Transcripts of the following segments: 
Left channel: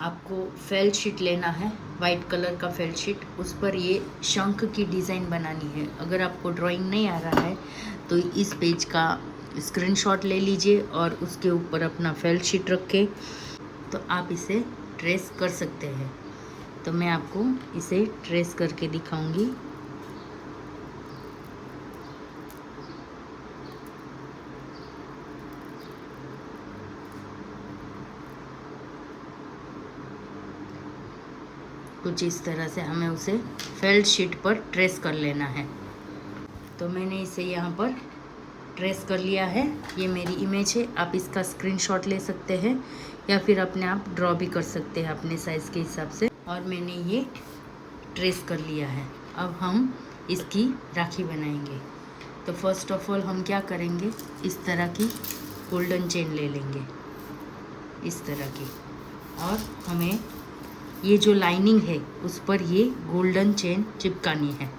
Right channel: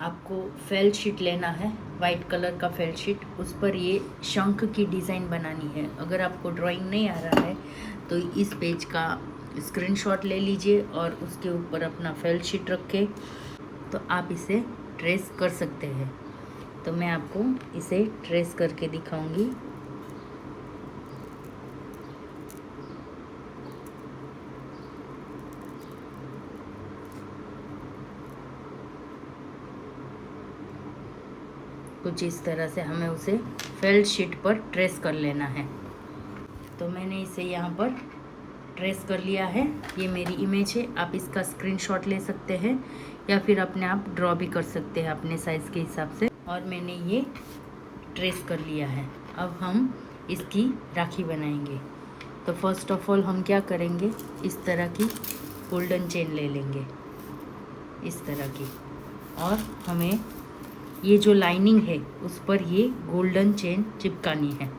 आपको fail sheet लेना है, वाइट कलर का फेल शीट। उस पर ये शंख की डिज़ाइन बनानी है। अगर आपको ड्राइंग नहीं आ रहा है तो इस पेज का स्क्रीनशॉट ले लीजिए और उसके ऊपर अपना फेल शीट रख के तो आप इसे ट्रेस कर सकते हैं। तो मैं आपको इसे ट्रेस करके दिखाऊंगी। कुछ इस तरह से हमें उसे फेल्ट शीट पर ट्रेस कर लेना है। तो मैंने इसे यहाँ पर ट्रेस कर लिया है। ये मेरी इमेज है। आप इसका स्क्रीनशॉट ले सकते हैं या फिर अपने आप ड्रॉ भी कर सकते हैं अपने साइज़ के हिसाब से। और मैंने ये ट्रेस कर लिया है। अब हम इसकी राखी बनाएंगे। तो फर्स्ट ऑफ ऑल हम क्या करेंगे, इस तरह की गोल्डन चेन ले लेंगे, इस तरह की। और हमें ये जो लाइनिंग है उस पर ये गोल्डन चेन चिपकानी है।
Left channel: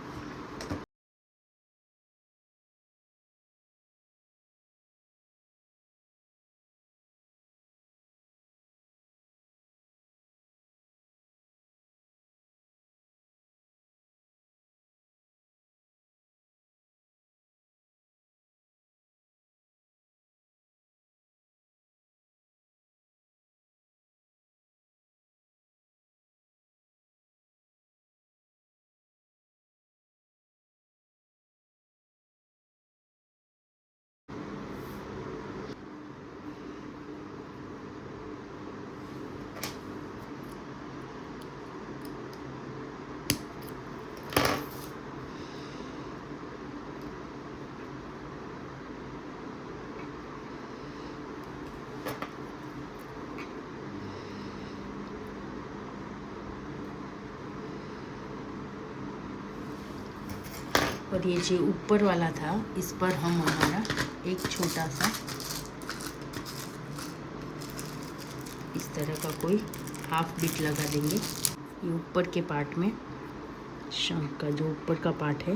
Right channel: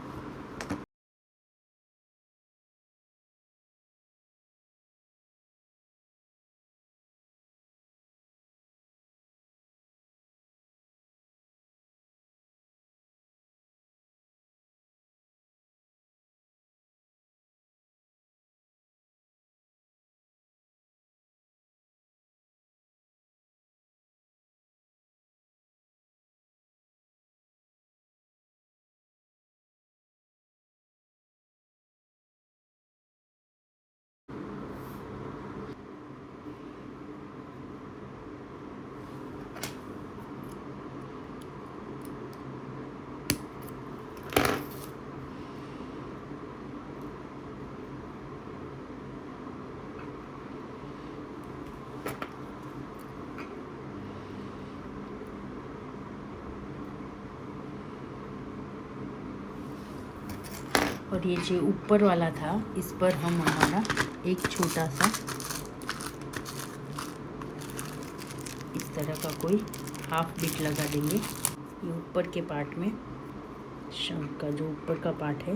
और ये जो ऊपर वाला था इस पर हम हमारा एक छोटा सा इस तरह का कोई हाफ बीट लगा देंगे। ये ऊपर के पार्ट में शंख का जो ऊपर का पार्ट है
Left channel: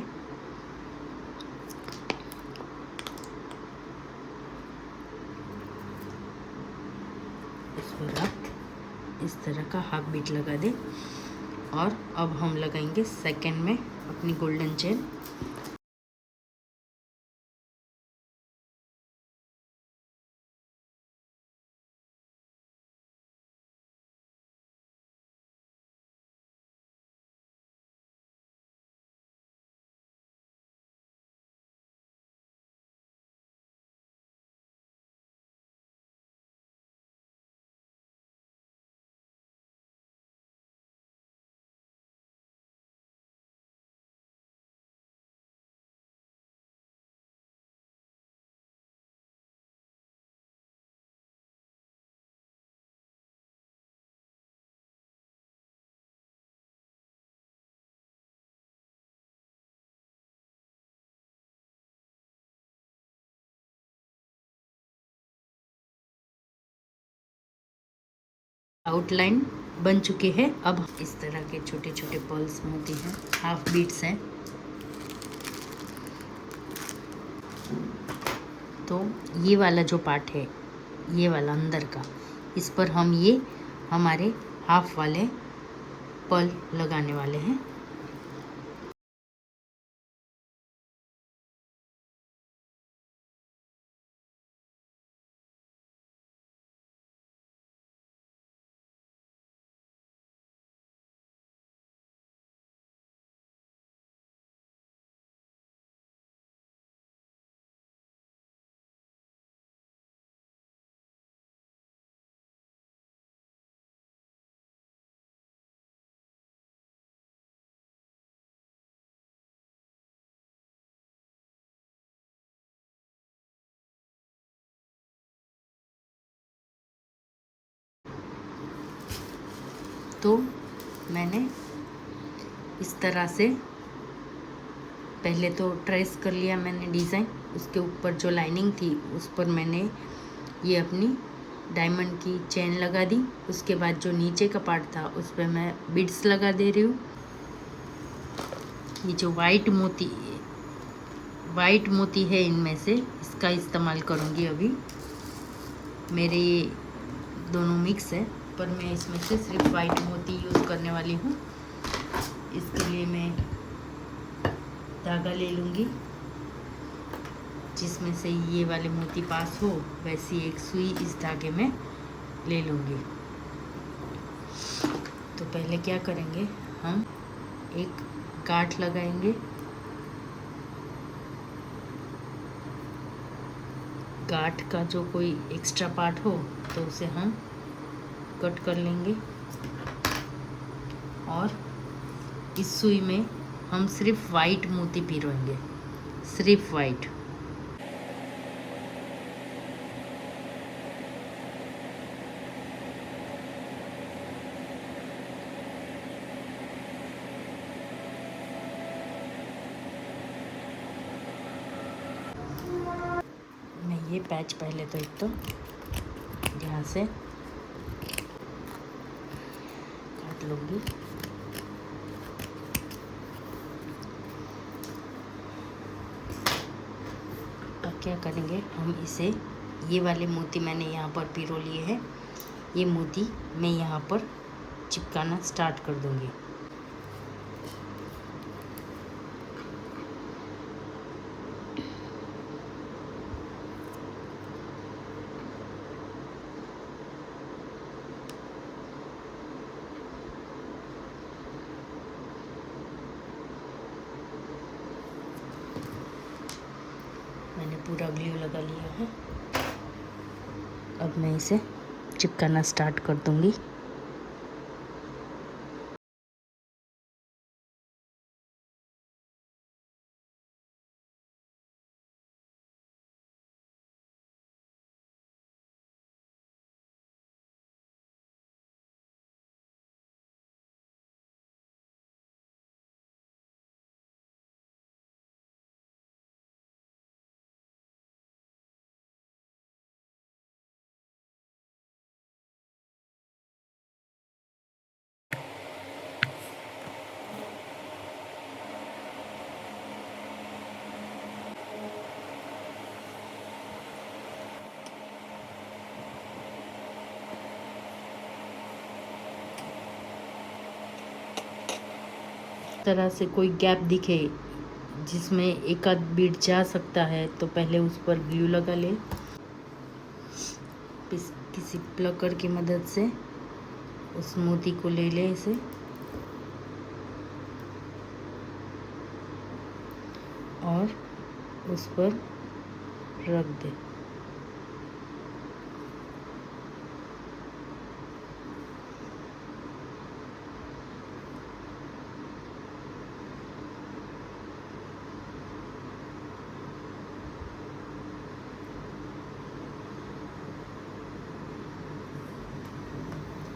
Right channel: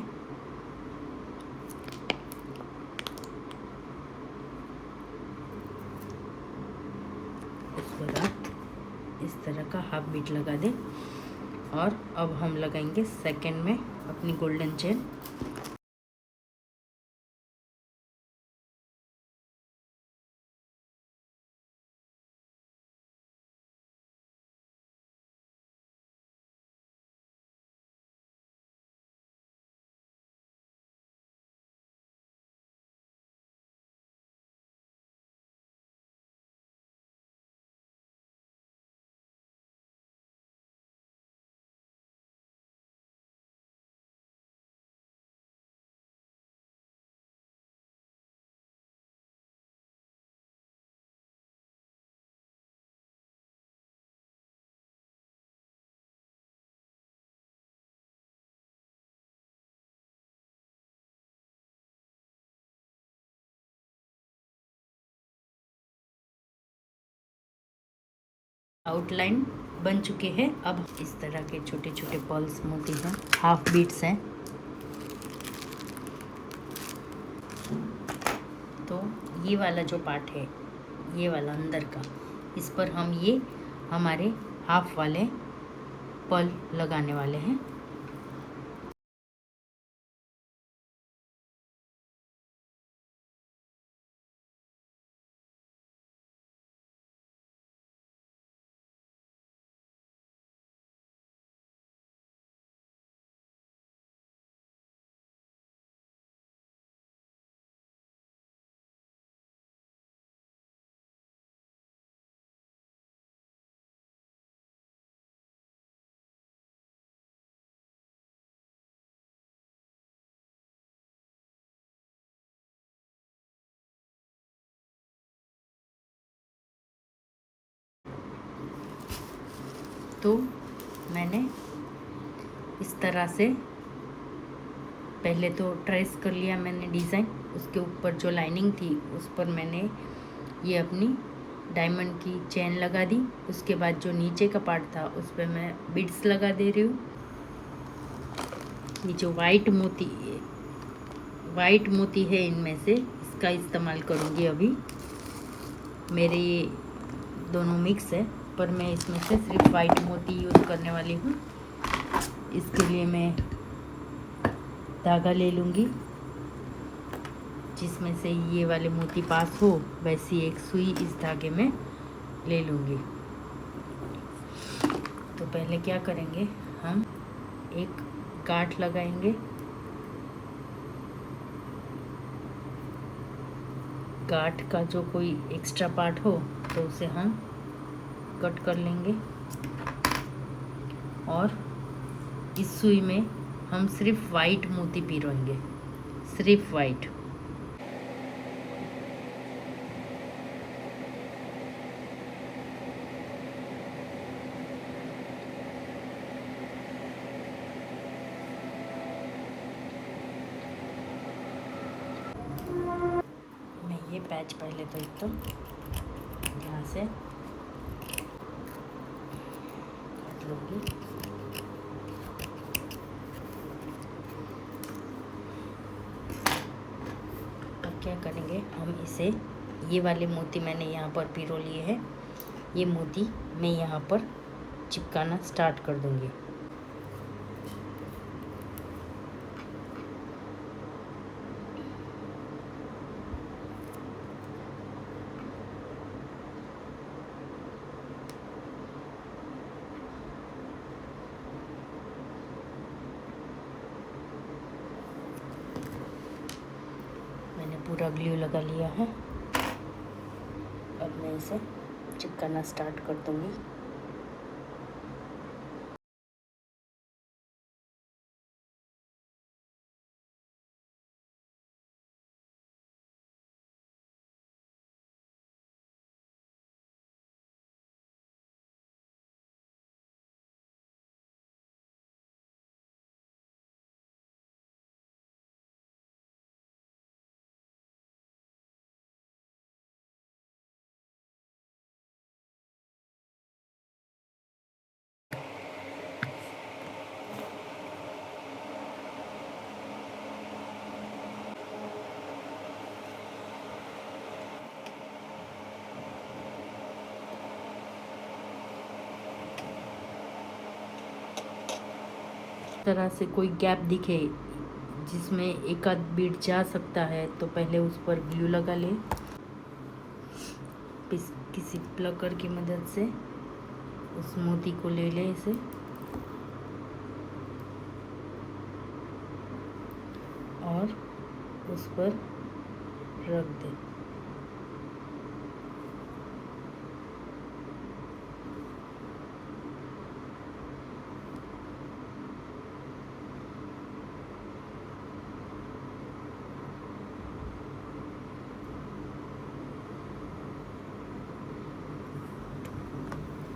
उस पर आप इस तरह का हाफ बीट लगा दें। और अब हम लगाएंगे सेकंड में अपनी गोल्डन चेन। आउटलाइन बन चुकी है। अब इस तरह के छोटे छोटे पर्ल्स मोती हैं, हाफ बीट्स हैं। तो ये वाला जो पार्ट है, ये वाला अंदर का, इस पर हम ये हमारे हाफ वाले पर्ल लगाने वाले हैं। तो मैंने इस तरह से पहले तो ट्रेस कर लिया मैंने डिज़ाइन। उसके ऊपर जो लाइनिंग थी उस पर मैंने ये अपनी डायमंड की चेन लगा दी। उसके बाद जो नीचे का पार्ट था उस पर मैं बीड्स लगा दे रही हूँ। ये जो वाइट मोती है इनमें से इसका इस्तेमाल करूँगी। अभी मेरे ये दोनों मिक्स है पर मैं इसमें से सिर्फ वाइट मोती यूज़ करने वाली हूँ। इसके लिए मैं धागा ले लूँगी जिसमें से ये वाले मोती पास हो, वैसी एक सुई इस धागे में ले लूँगी। तो पहले क्या करेंगे, हम एक गांठ लगाएंगे। गांठ का जो कोई एक्स्ट्रा पार्ट हो तो उसे हम कट कर लेंगे और इस सुई में हम सिर्फ वाइट मोती पिरोएंगे, सिर्फ वाइट। मैं ये पैच पहले तो एक तो यहाँ से काट लूँगी। अब क्या करेंगे, हम इसे, ये वाले मोती मैंने यहाँ पर पिरो लिए हैं, ये मोती मैं यहाँ पर चिपकाना स्टार्ट कर दूँगी। मैंने पूरा ग्लू लगा लिया है। अब मैं इसे चिपकाना स्टार्ट कर दूँगी। तरह से कोई गैप दिखे जिसमें एक आध बीट जा सकता है तो पहले उस पर ग्लू लगा ले। किसी प्लकर की मदद से उस मोती को ले ले इसे और उस पर रख दे।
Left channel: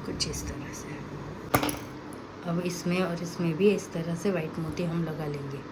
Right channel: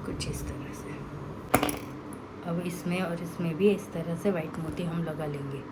कुछ इस तरह से। अब इसमें और इसमें भी इस तरह से वाइट मोती हम लगा लेंगे।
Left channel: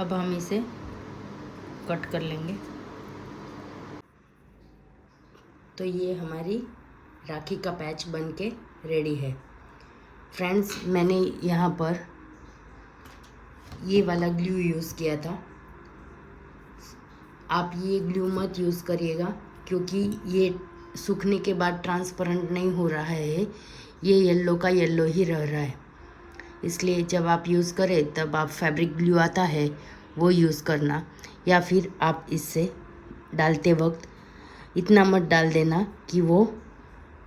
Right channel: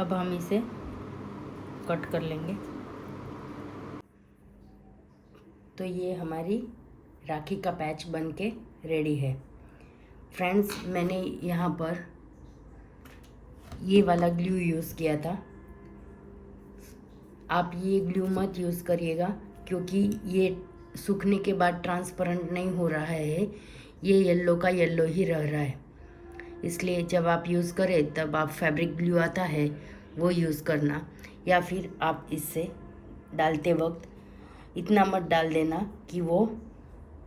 अब हम इसे कट कर लेंगे। तो ये हमारी राखी का पैच बन के रेडी है। फ्रेंड्स, मैंने यहाँ पर ये वाला ग्लू यूज़ किया था। आप ये ग्लू मत यूज़ करिएगा क्योंकि ये सूखने के बाद ट्रांसपेरेंट नहीं हो रहा है, ये येलो का येलो ही रह रहा है। इसलिए जब आप यूज़ करें तब आप फैब्रिक ग्लू आता है वो यूज़ करना, या फिर आप इससे डालते वक्त इतना मत डाल देना कि वो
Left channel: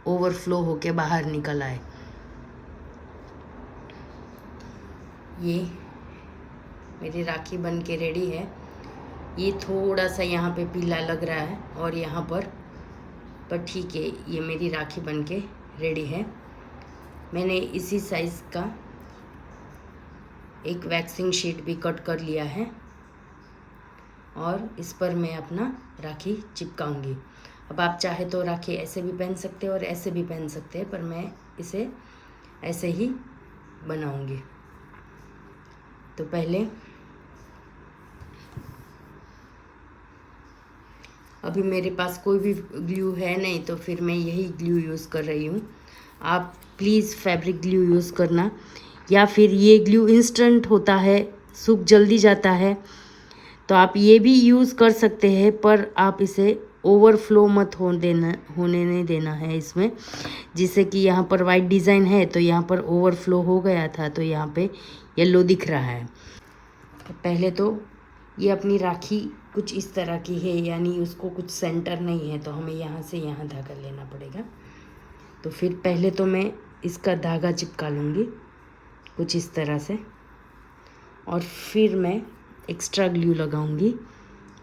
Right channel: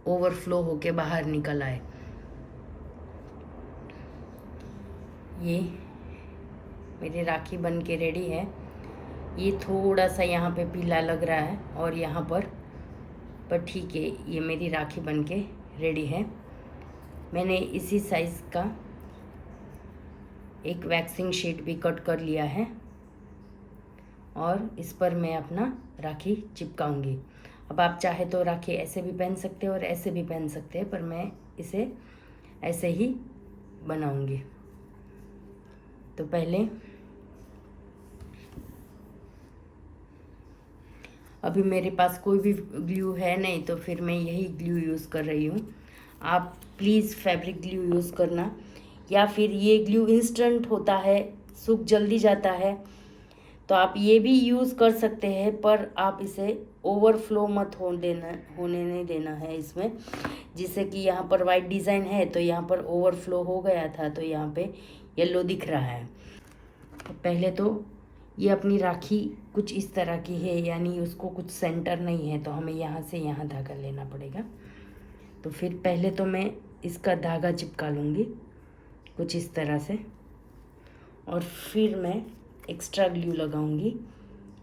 ओवरफ्लो होके बाहर निकल आए। ये मेरी राखी बन के रेडी है। ये थोड़ा सा यहाँ पे पीला लग रहा है और यहाँ पर ठीक है, ये मेरी राखी बन के रेडी है। मैंने इसी साइज़ का एक वैक्सिंग शीट भी कट कर लिया है और इस पर मैं अपना राखी चिपकाऊंगी। अब आप चाहे तो राखी ऐसे भी पहन सकते हैं और ऐसे भी पहन सकते हैं, पर मैं इसे ऐसे ही बनाऊंगी। तो पहले अभी मेरे पास कोई भी ग्लू है नहीं, तो फिर मैं यही ग्लू यूज़ कर रही हूँ। आप प्लीज़ फैब्रिक ग्लू यूज़ करना, या फिर ये ग्लू इंस्टेंट होता है, सूख जल्दी जाता है, तो आप ये भी यूज़ कर सकते हैं, पर आप इसे ओवरफ्लो मत होने नहीं देना है इसमें। जिससे कि यहाँ पर वाइट डिज़ाइन है तो यहाँ पर ओवरफ्लो हो गया था, तो यहाँ पे येलो दिख रहा है। तो पहले तो ये अपनी राखी कुछ इस तरह की है, यानी उसको कुछ सेंटर नहीं है, तो हमें यहाँ से यहाँ धागा लेना पड़ेगा। तो फिर पहले तो मैं इसका धागा चिपका लूँगी कुछ इस तरह से, और फिर मैं एक्स्ट्रा ग्लू लगाऊंगी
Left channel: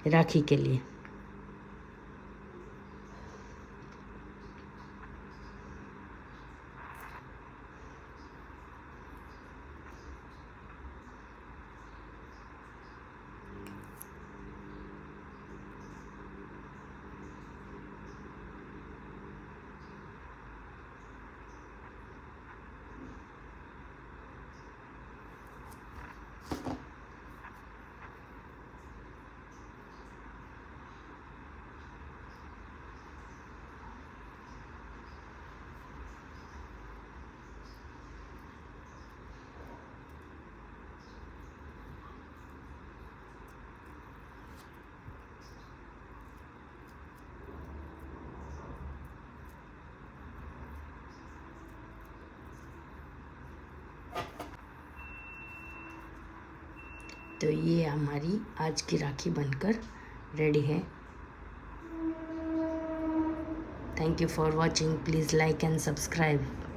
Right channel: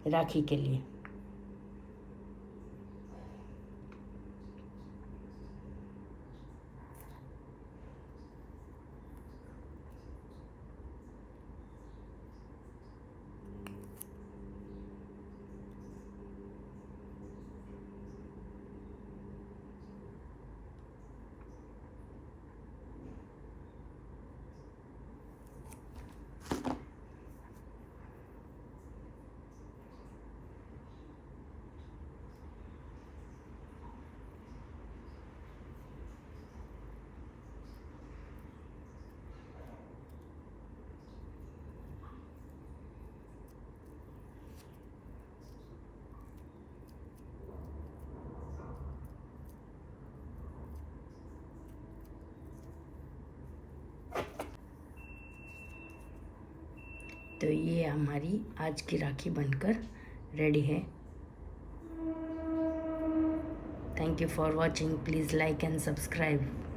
राखी के लिए। तो ये हमारी आज की राखी बनकर रेडी है। Thank you for watching. Please like and subscribe.